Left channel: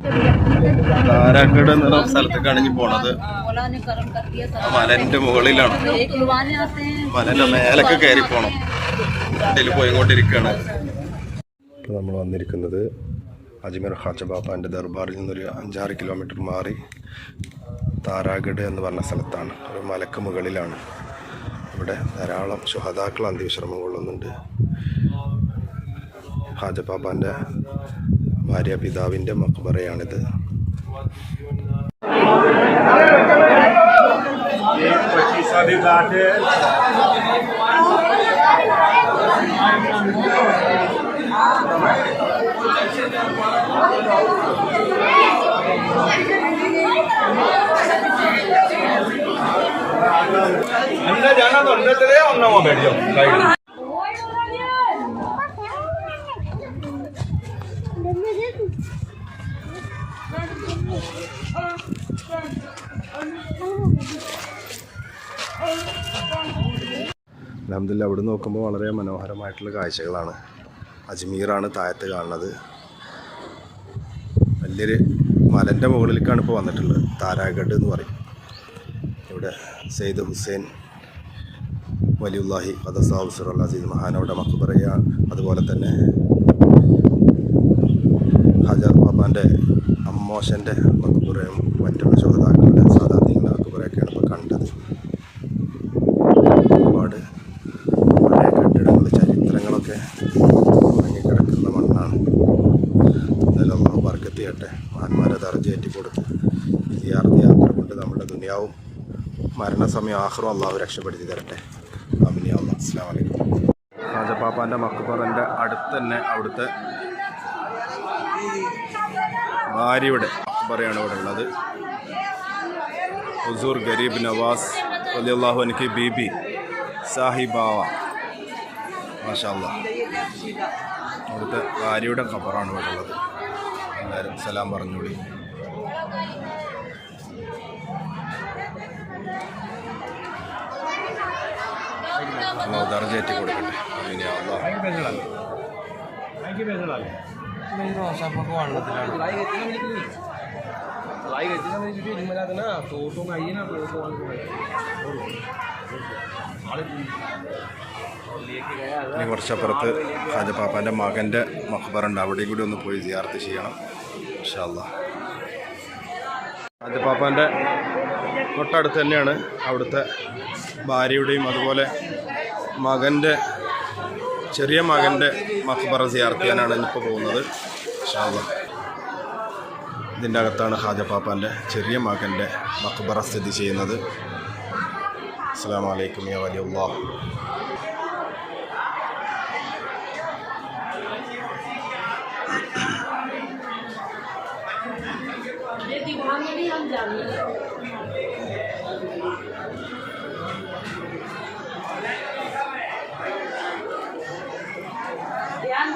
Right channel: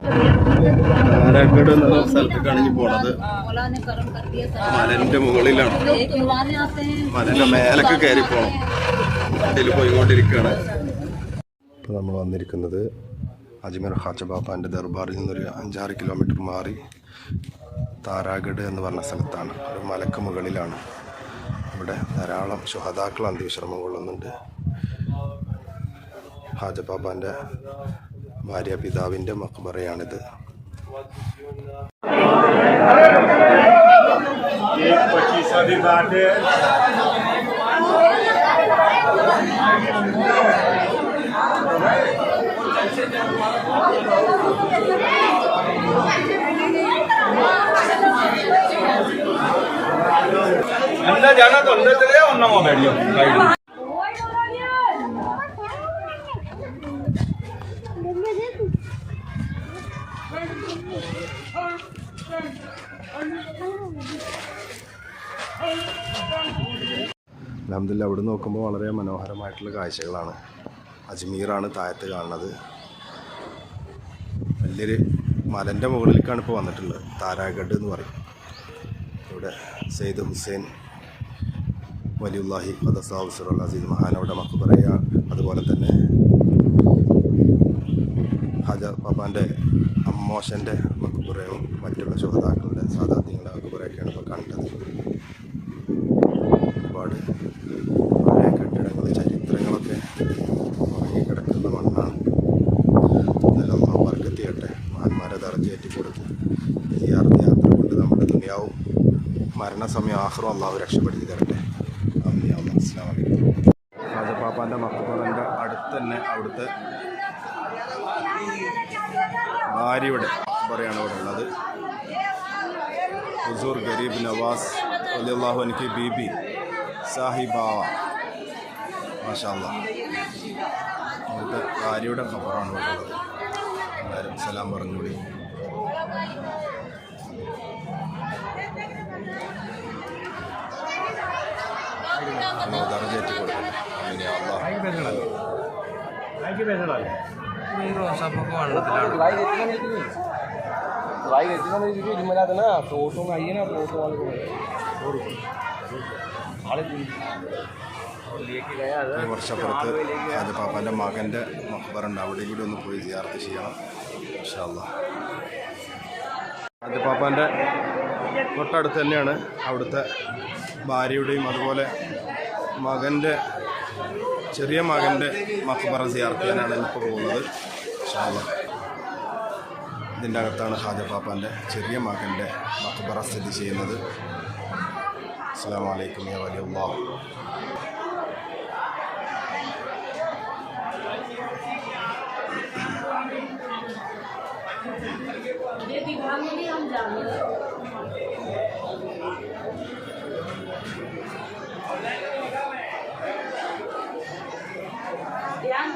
താരാഗഡ് എന്ന സ്ഥലത്തേക്കാണ് ഇനി പോണത്. മലന്റെ മുകളിലാണ്, മലന്റെ മേലൊക്കെ കയറി പോണം. വണ്ടിയിൽ പോയിക്കൊണ്ടിരിക്കുകയാണ്. ഇപ്പോൾ നമ്മൾ വന്നിരിക്കുന്നത് അജ്മീർ ഖാജ ബാബാന്റെ ദർബാറിൽ നിന്നൊരു 5-6 കിലോമീറ്റർ മാറി താരാഗഡ് എന്ന് പറഞ്ഞ സ്ഥലത്താണ്. ഒരു മലക്ക് മുകളിലാണ്. ഇവിടെ ധാരാളം ശുഹദാക്കൾ അന്ത്യവിശ്രമം കൊള്ളുന്നുണ്ട്. ഖാജ ബാബാന്റെ ഭാര്യ പിതാവിൻ്റെ മക്ബറയാണിത്. അൽഹംദുലില്ലാ, അവിടെ നോക്കുമ്പോൾ വളരെ മനോഹരമായിട്ടുള്ള കാഴ്ചകളാണ്. അജ്മീറാണ് താഴത്ത് കാണുന്നത്. വലിയൊരു മലൻ്റെ മുകളിലേക്കാണ് ഇപ്പോൾ വന്നിട്ടുള്ളത്. താരാഗഡ് എന്ന് പറയും. ഇവിടെ സെയ്ദ് ഹുസൈൻ വലിയുല്ലാഹി ഖദ്ദസാഹു അസീസ് മഹാനവരുടെ മഖ്ബറയാണ്. അതുപോലെ തന്നെ ഖാജ ബാബാൻ്റെ അമ്മോശൻ്റെ മഖ്ബറയും മറ്റുള്ള ശുഹദാക്കളുടെ സാദാത്തിന്റെ മഖ്ബറയൊക്കെയാണ് ഇപ്പോൾ കണ്ടത്. ഒരുപാട് പഴയ കെട്ടിടങ്ങൾ, ചരിത്രങ്ങളൊക്കെ കിടക്കുന്ന മണ്ണാണ്. അതെല്ലാം നാം ബർക്കത്ത് ചെയ്യട്ടെ. മഹാന്മാരെ ദർജയേറ്റി കൊടുത്ത് സിയാറത്ത് യാത്ര കൊണ്ട് നമ്മുടെ ദുനിയാവും മരണസമയം ആഖിറും അള്ളാഹു രക്ഷപ്പെടുത്തി തരട്ടെ. അസ്സലാമു അലൈക്കും. ഖാജ ബാബാൻ്റെ മഖ്ബറൻ്റെ അടുത്ത് തന്നെ അവിടുത്തെ ഭാര്യയുടെ മഖ്ബറയാണ് ഇവിടെ ഉള്ളത്. ഹുസൂർ ഗരീബ് നവാസ് റളിയല്ലാഹു അൻഹു ബീബി സാഹിബാവ, മാഷാ അല്ലാഹ്. അവിടുത്തെ ഭാര്യയുടെ ഖബറാണ് ഇവിടെ ഉള്ളത്. എല്ലാവരും സലാം പറഞ്ഞോളി. അല്ലാഹു ദർജയേറ്റി കൊടുക്കട്ടെ. ആമീൻ യാ അല്ലാഹ്. ഈ വർഷപ്പുറത്ത് ഖാജ ബാബാൻ്റെ മകൻ്റെ മഖ്ബറുണ്ട്. അവിടെയും കൂടി ഒന്ന് പോയി സിയാറത്ത് ചെയ്യണം ഇൻഷാ അല്ലാഹ്. ഖാജ ബാബാൻ്റെ തൊട്ടടുത്ത് തന്നെയാണ് അവിടുത്തെ ഭാര്യയുടെയും അതുപോലെ മകൻ്റെ ചെറിയ മകൻ്റെ മഖ്ബറ സിയാറത്ത് ചെയ്യാനാണ് ഇന്നിപ്പോൾ പോകുന്നത് ഇൻഷാ അല്ലാഹ്. ഇതിൻ്റെ അകത്താണ് ഖാജ ബാബാൻ്റെ ചെറിയ മകൻ്റെ മഖ്ബറ സ്ഥിതി ചെയ്യുന്നത്. അസ്സലാമു അലൈക്കും യാ വലിയുല്ലാഹ്. ध्यान